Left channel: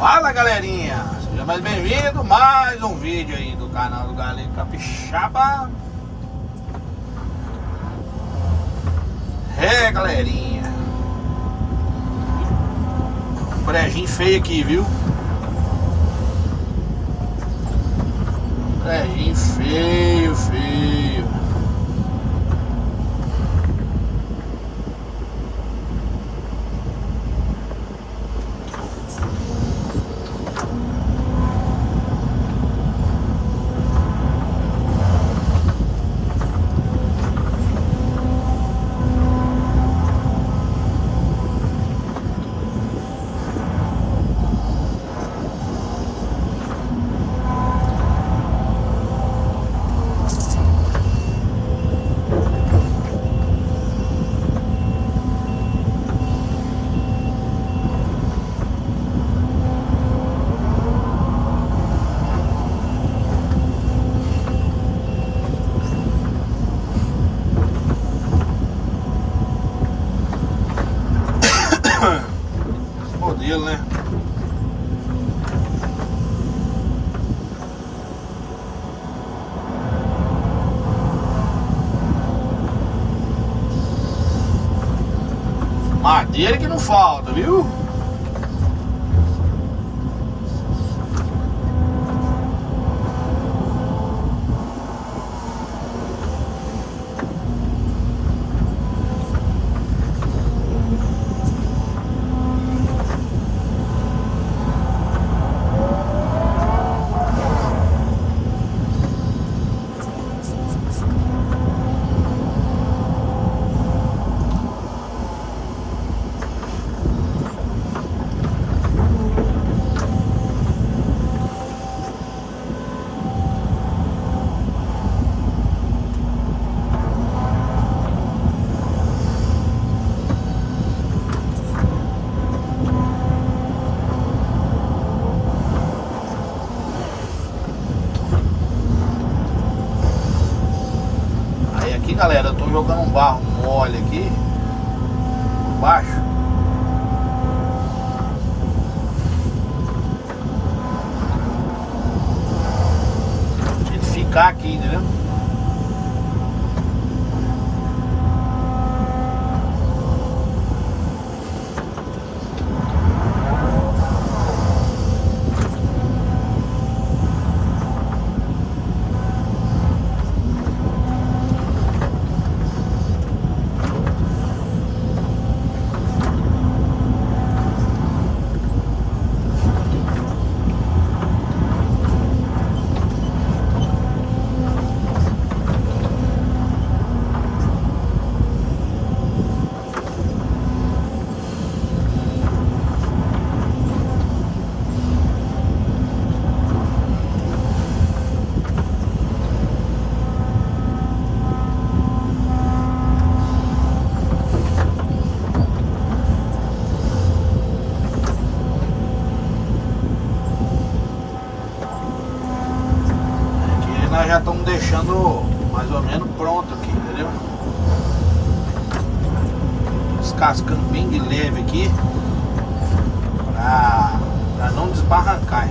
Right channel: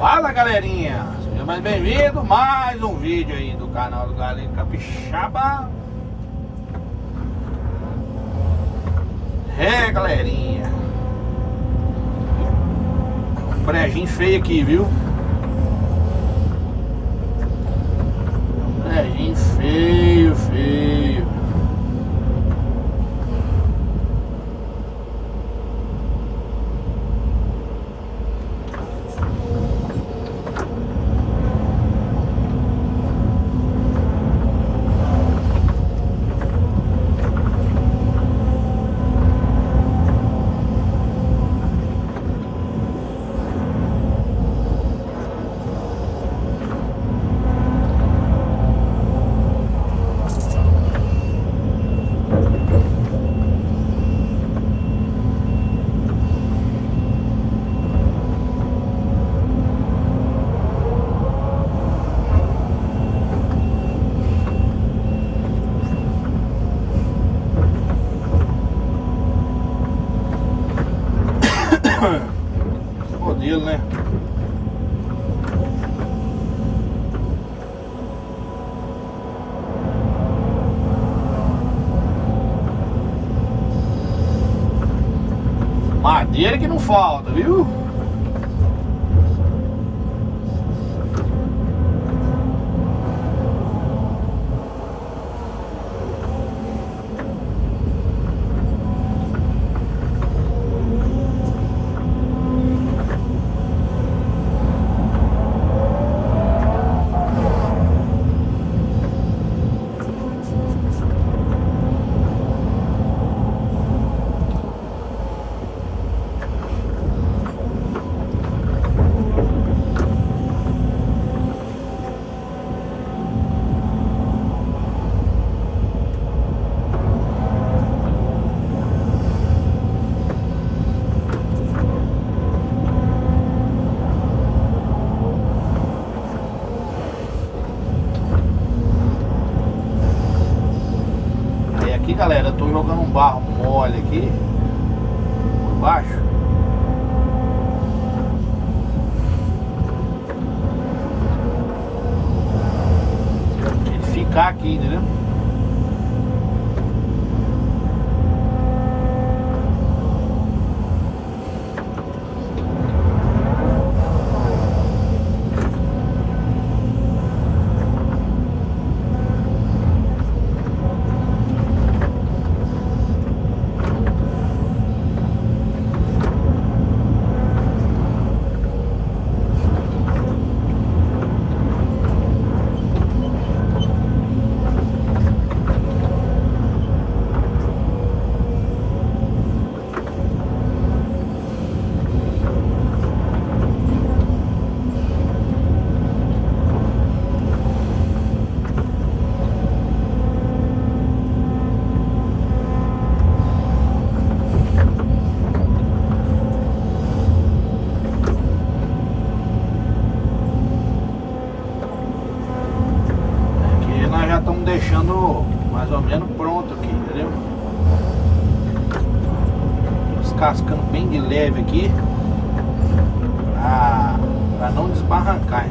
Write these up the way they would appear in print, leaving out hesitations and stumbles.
Fala galerinha, seja mais bem-vindo, mais um vídeo aí do canal do Galego Capixaba. Galerinha, brejinho feio aqui, viu? Brejinho feio. Modelo, né? Madeira que não falta, viu? Aqui, galera, eu tô jogando um barro mole aqui por baixo. Pra ele ficar aqui, entendeu? Nós já estamos deixando mais ou menos pronto aqui, entendeu? Descascando bem de leve aqui pra não desbarrancar.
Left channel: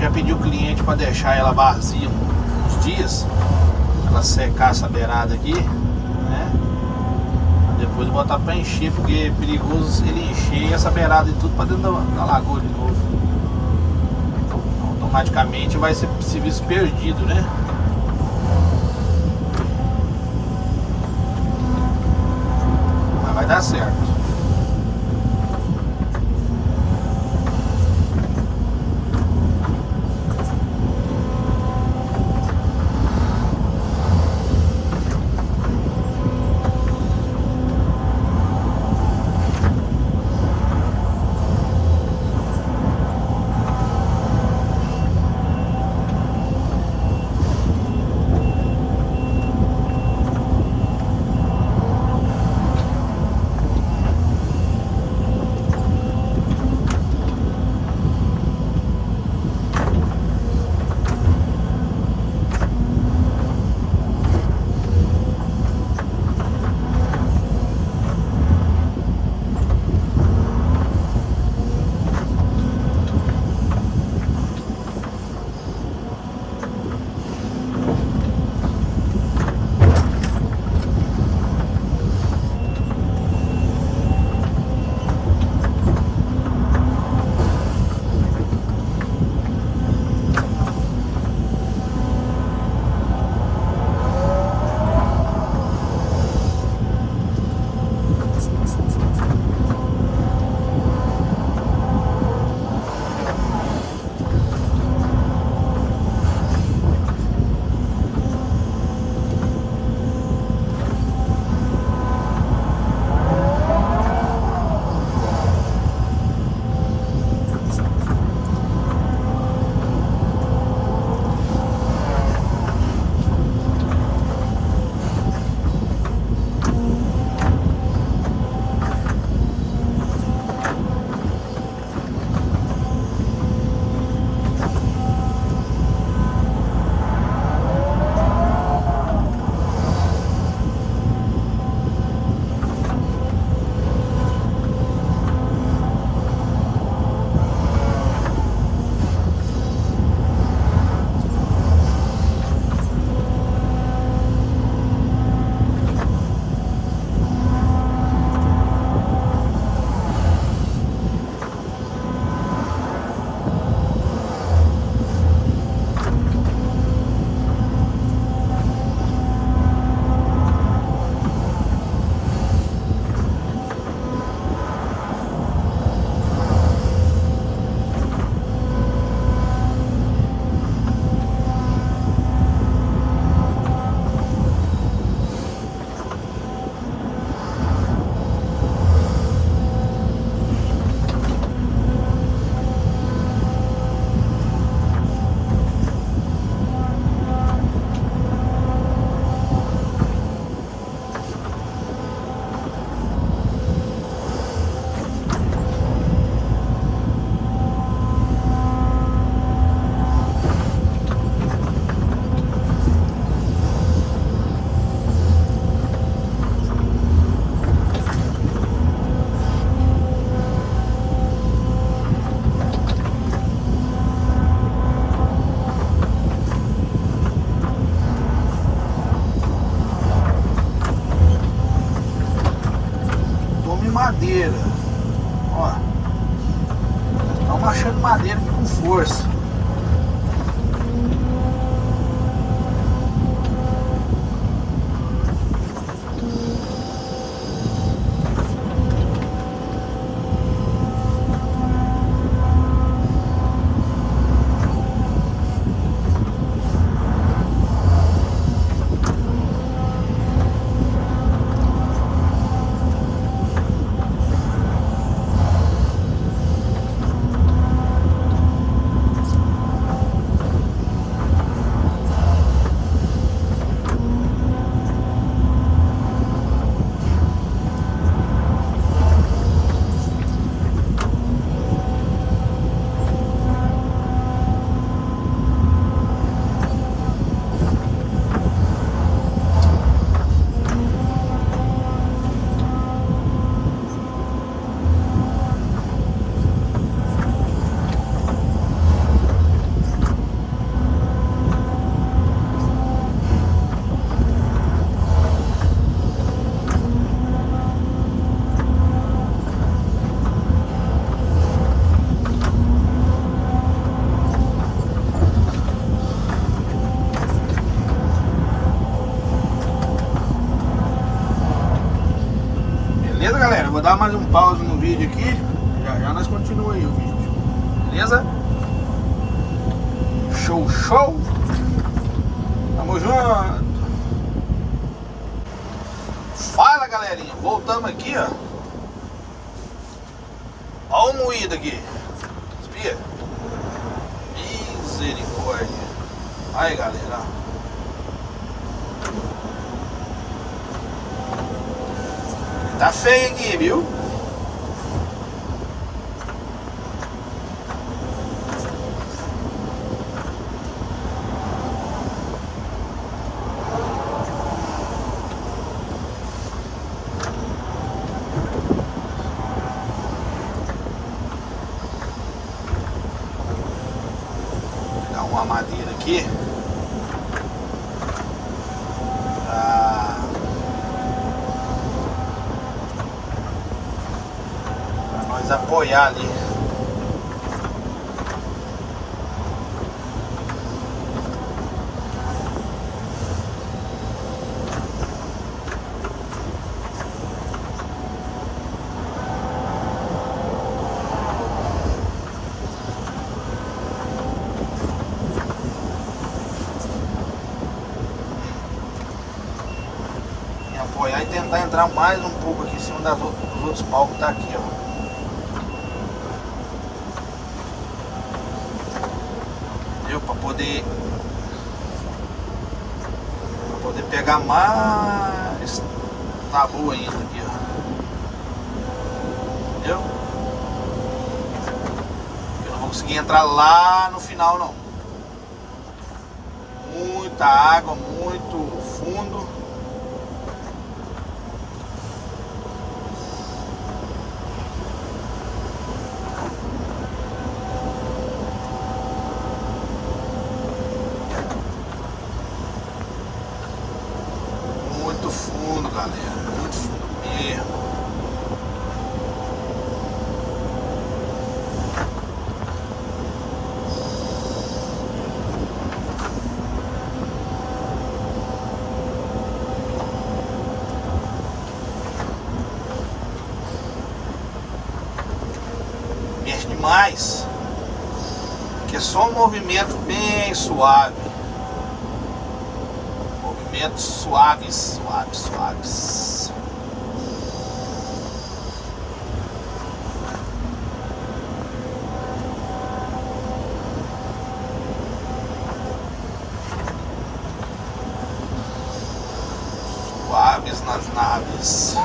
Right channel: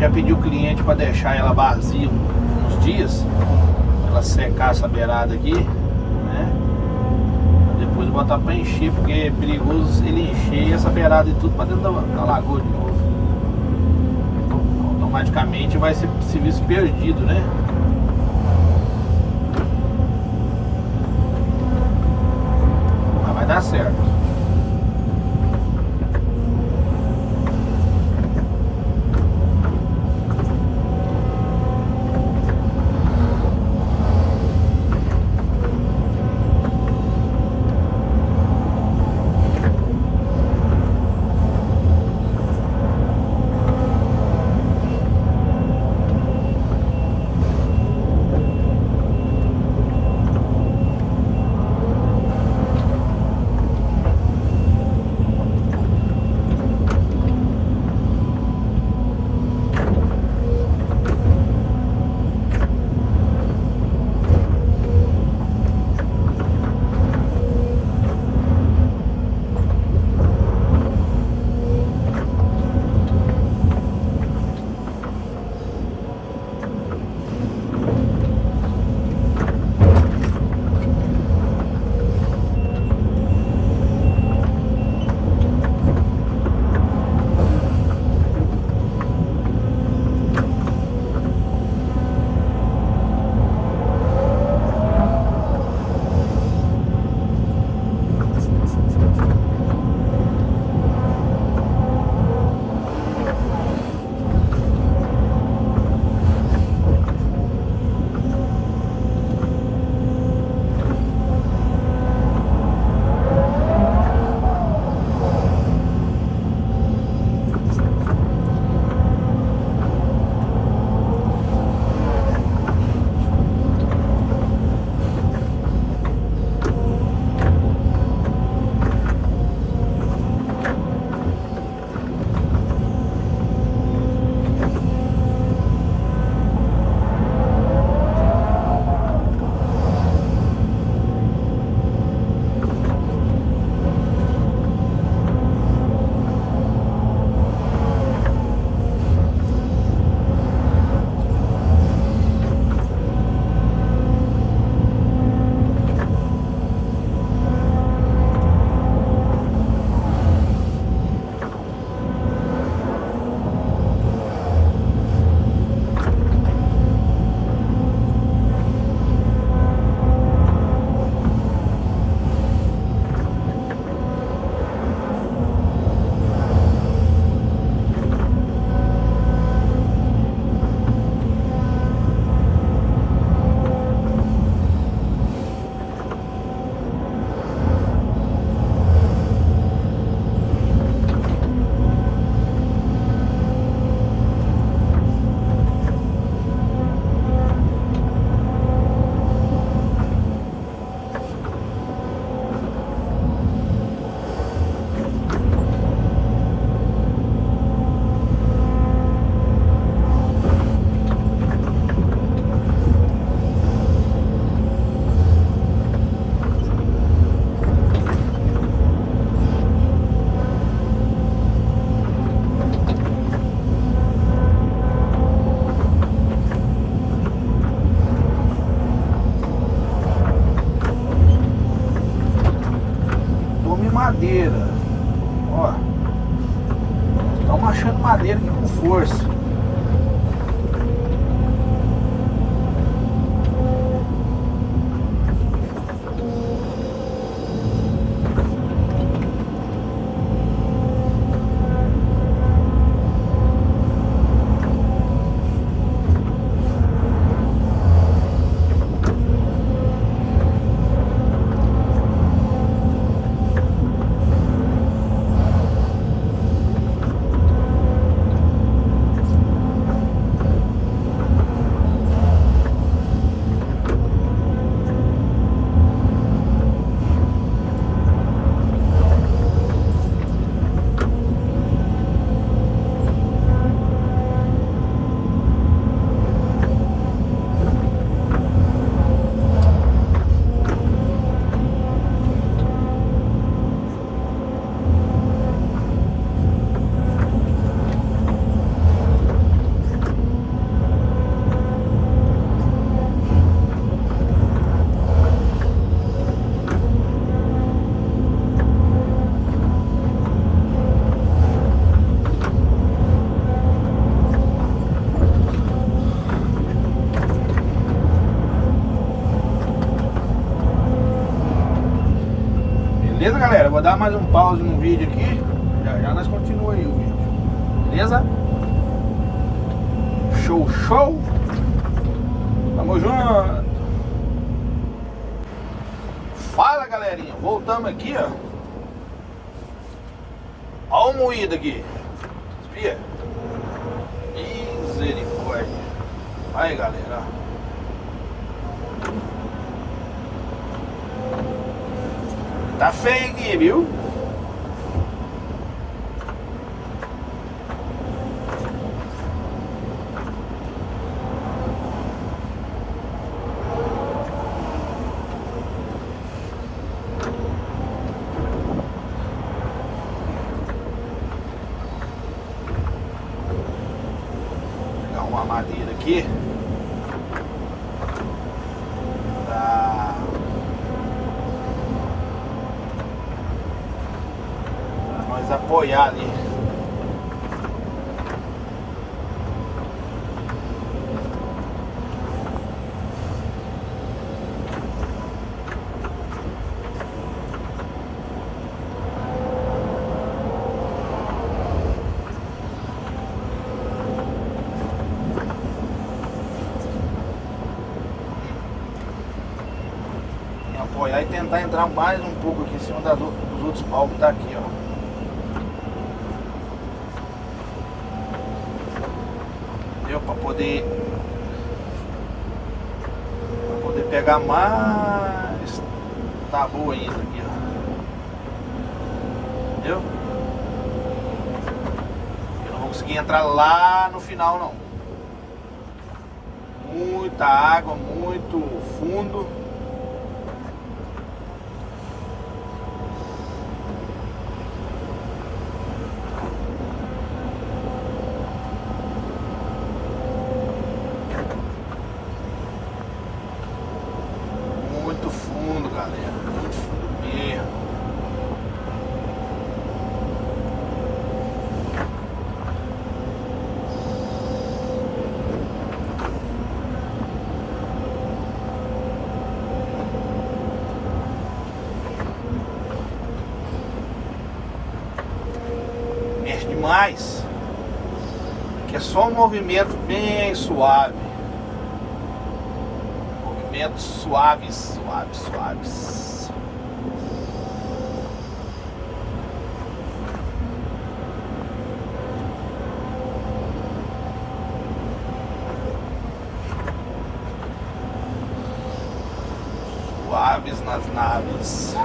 Já pedi o cliente para deixar ela vazia uns dias, ela secar essa beirada aqui, né? Pra depois botar para encher, porque é perigoso ele encher essa beirada e tudo para dentro da lagoa de novo. Automaticamente vai ser serviço perdido, né? Mas vai dar certo. madeira. Ó. Estão machando madeira aqui com força. Beleza, galera? Vou dar mais um pause no vídeo aqui. Já já nós continuamos aí o vídeo. Beleza? Show, show! Tamo junto! Fala, galerinha! Voltamos aqui, ó. Ó o moído aqui. Espia. Misericórdia. Aí, galera, ó. Tá feio aqui, viu? Vou pegar uma madeira aqui. Apoiar ali. E apoiar e tentar entrar mais um pouco aqui em cima dos outros palcos que tá aqui, ó. Para poder pegar mais tabu ainda aqui, ó. Entendeu? Eu não vou conseguir entrar lá no final, não. Muita água, muito fundo. Fundo, galera, muito fundo mesmo. Mexe demais, que é só um movimento bem suave. Movimentos suaves, suaves, suaves. Suaves nas naves.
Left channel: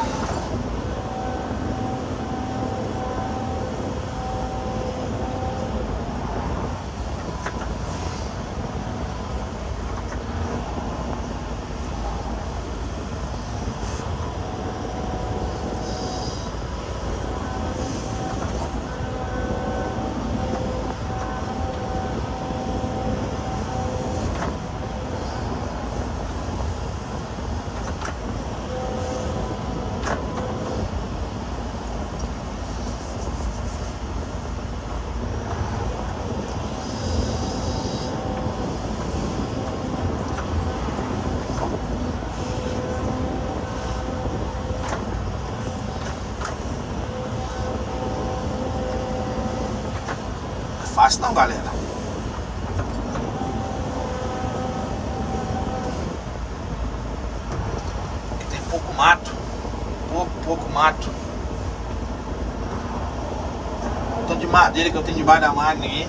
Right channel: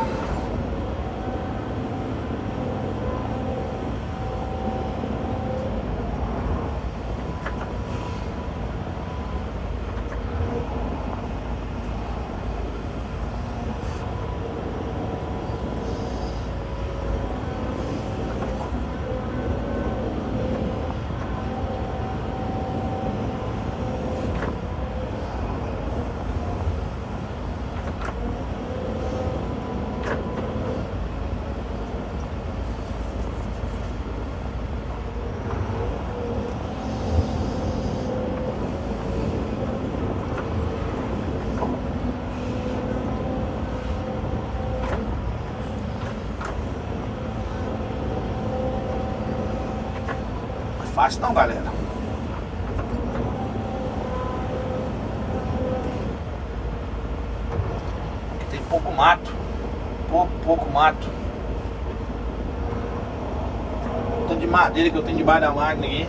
fácil não, galera. Aqui tem pouco mato. Pouco mato. Tanto de madeira que eu tenho debaixo da máquina aqui.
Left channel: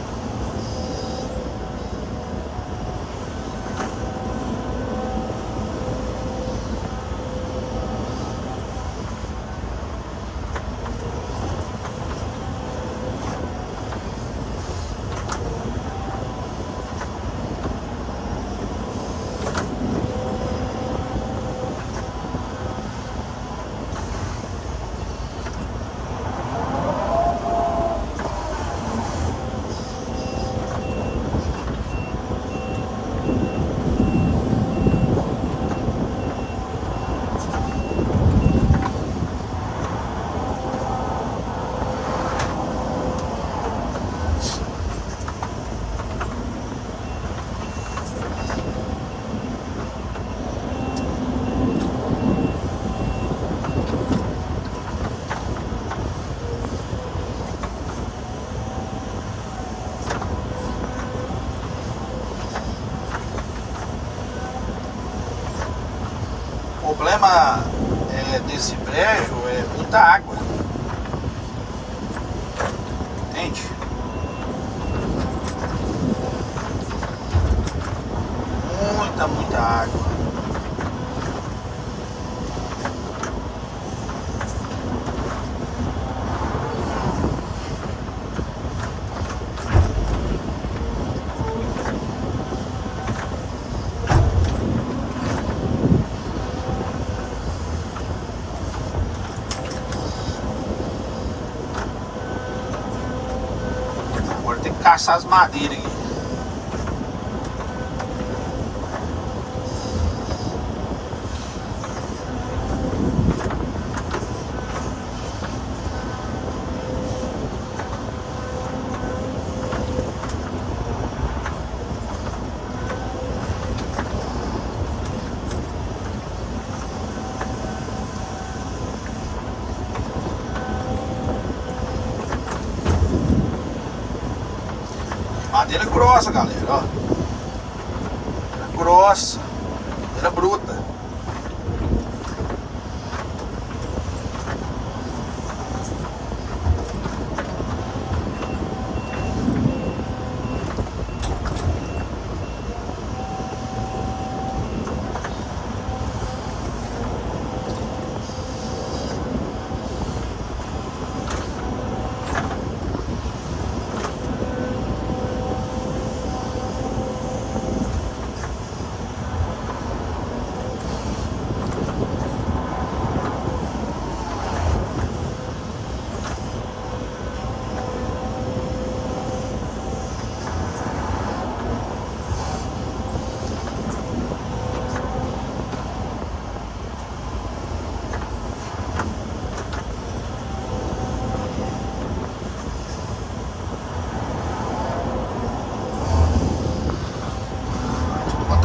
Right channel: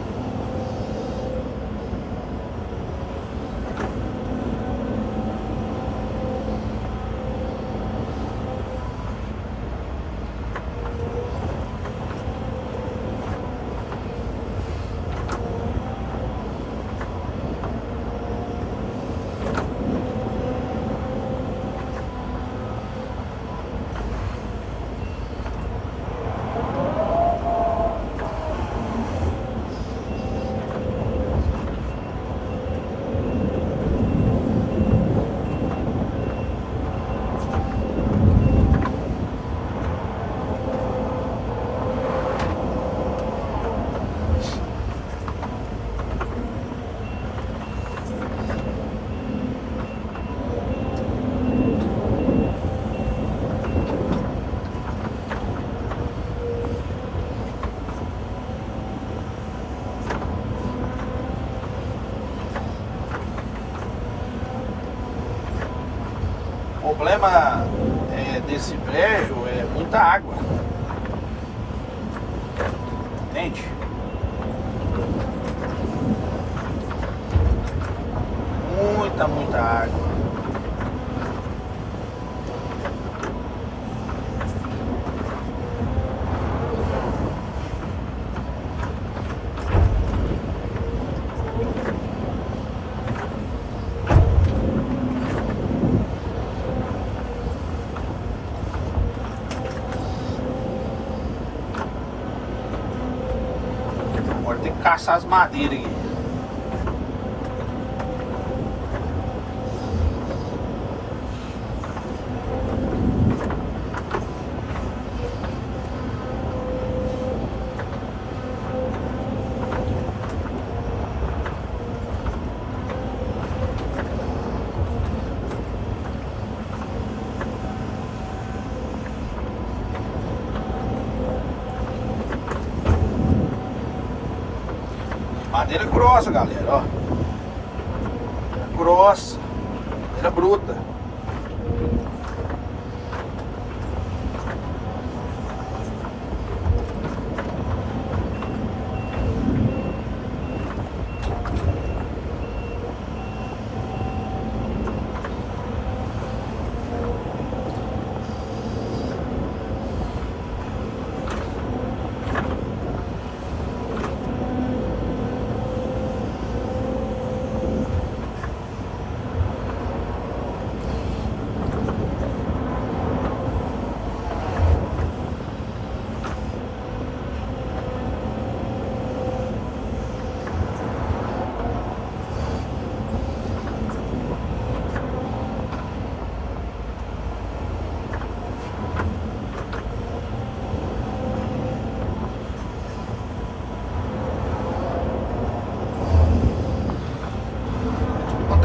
O problema desse brejo é muita água. Entende? Muita água. Agora tem que caçar as madeiras aqui. Madeira grossa, galera, ó. Madeira grossa. Madeira bruta.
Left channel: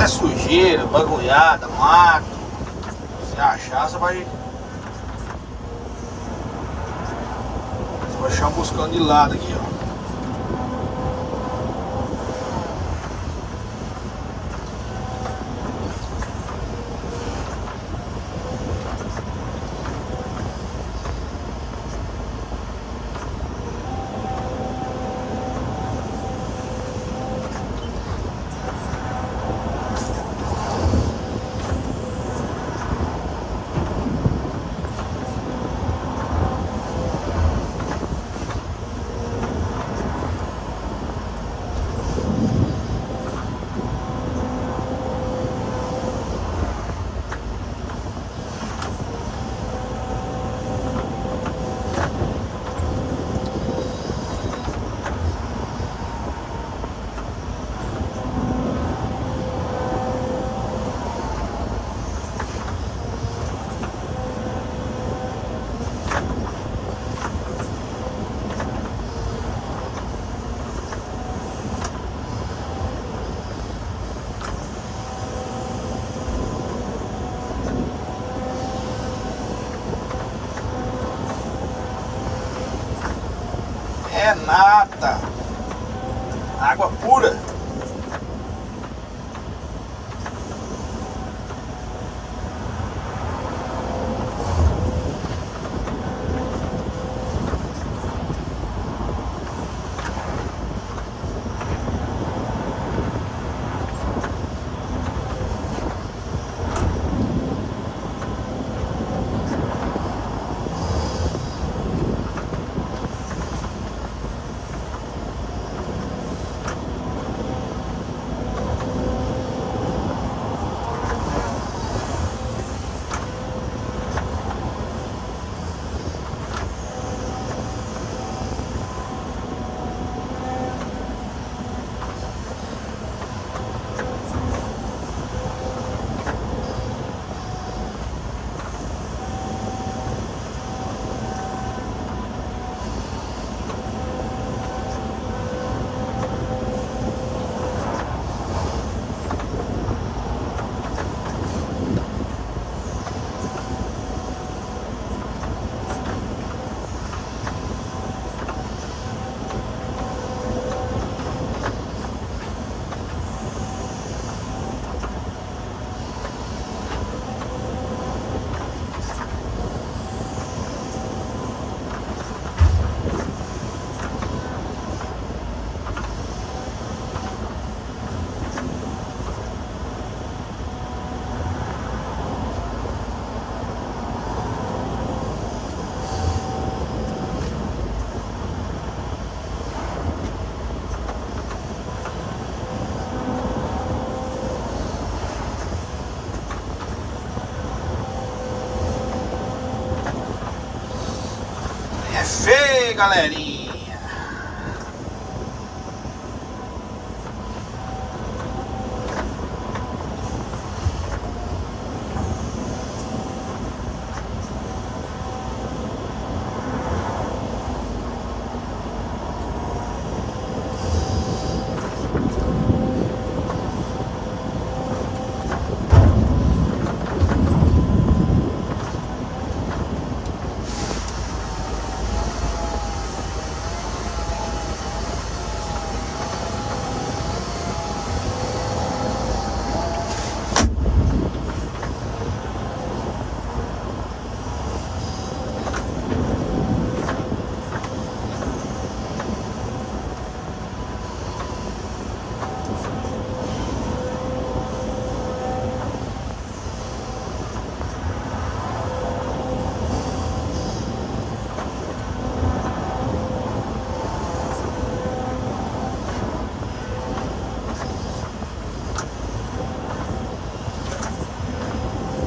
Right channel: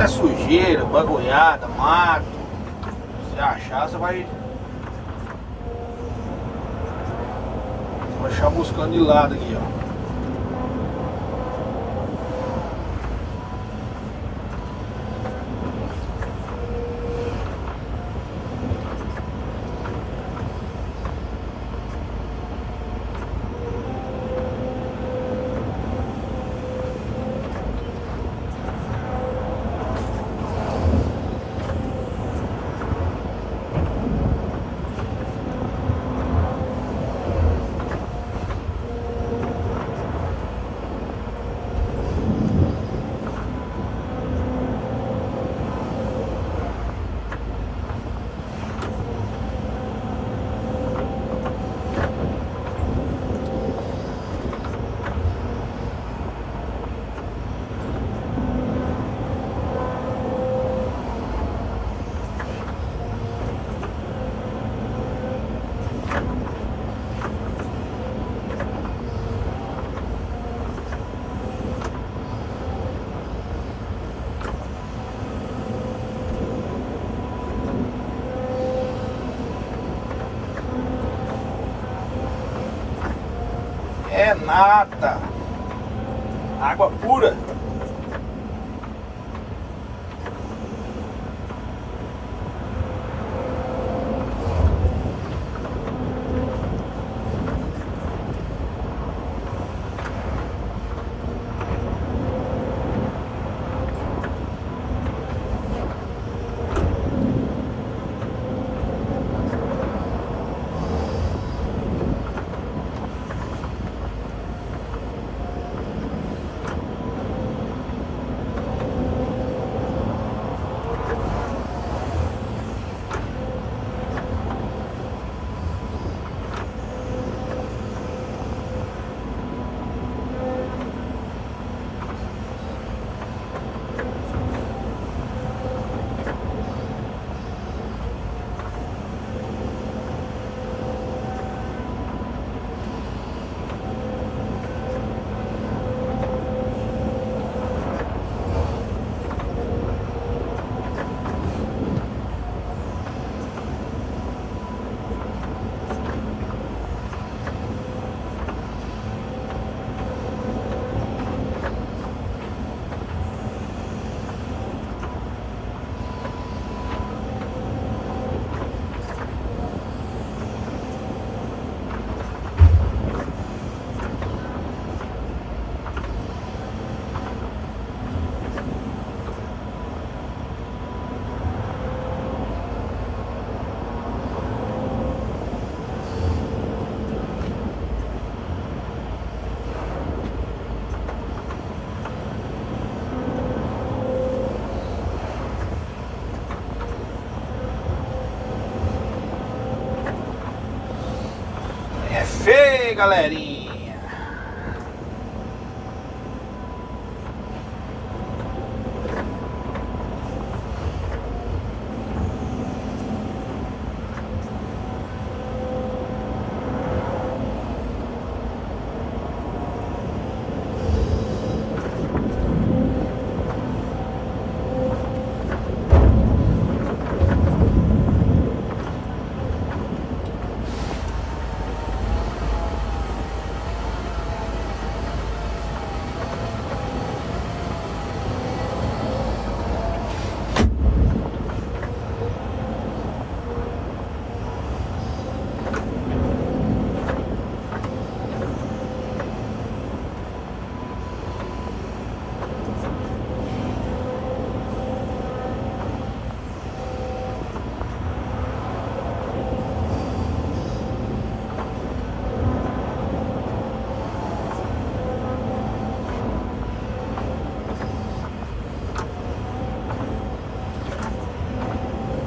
Sujeira, bagulhada, mato. Se achar, você vai achar buscando de lado aqui, ó. É nada. Água pura. É feio, galerinha.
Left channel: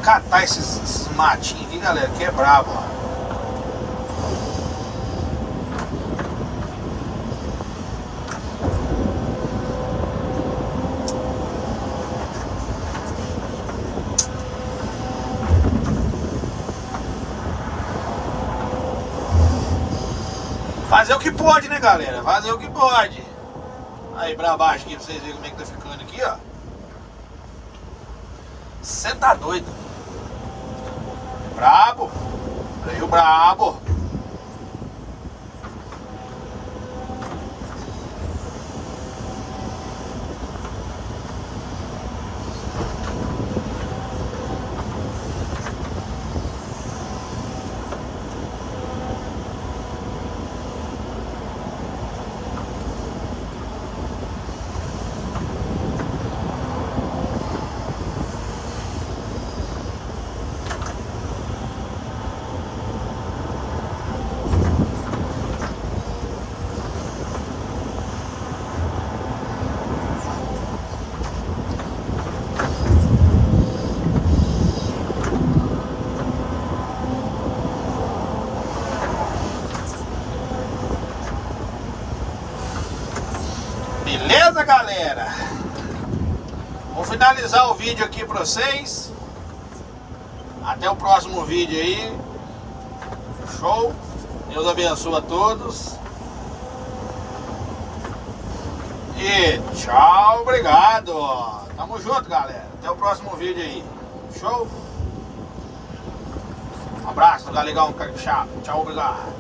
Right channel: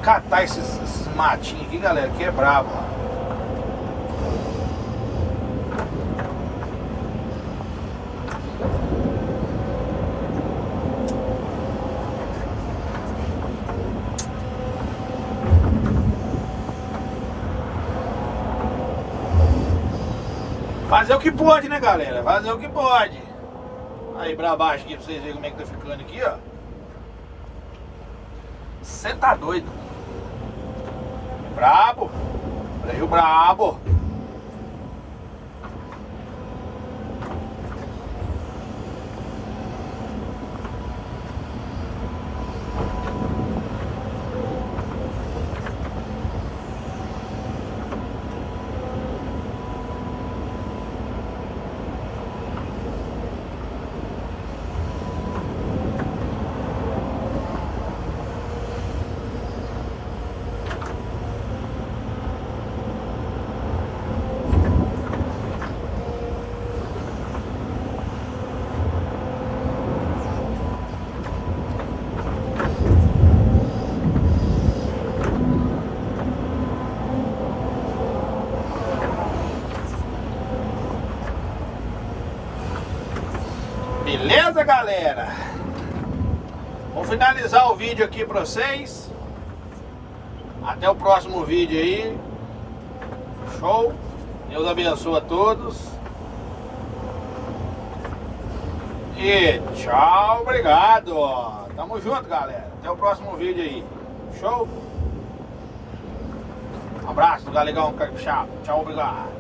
Catar esses matinhos aqui, galera, que é brabo. Fazer o que pode, né, galera? Fazer o que pode. Aí pra baixo aqui pra vocês verem como é que tá ficando aqui, ó. Você tá doido. É brabo. Freio brabo. Beleza, galera? Vou finalizar o vídeo aqui pra vocês. Até o próximo vídeo aí. Show? Deus abençoe a todos. E tchau, obrigado. Tamo junto, galera. Até o próximo vídeo aí. Show? Um abraço do Galegão Capixaba. Tchau, obrigado.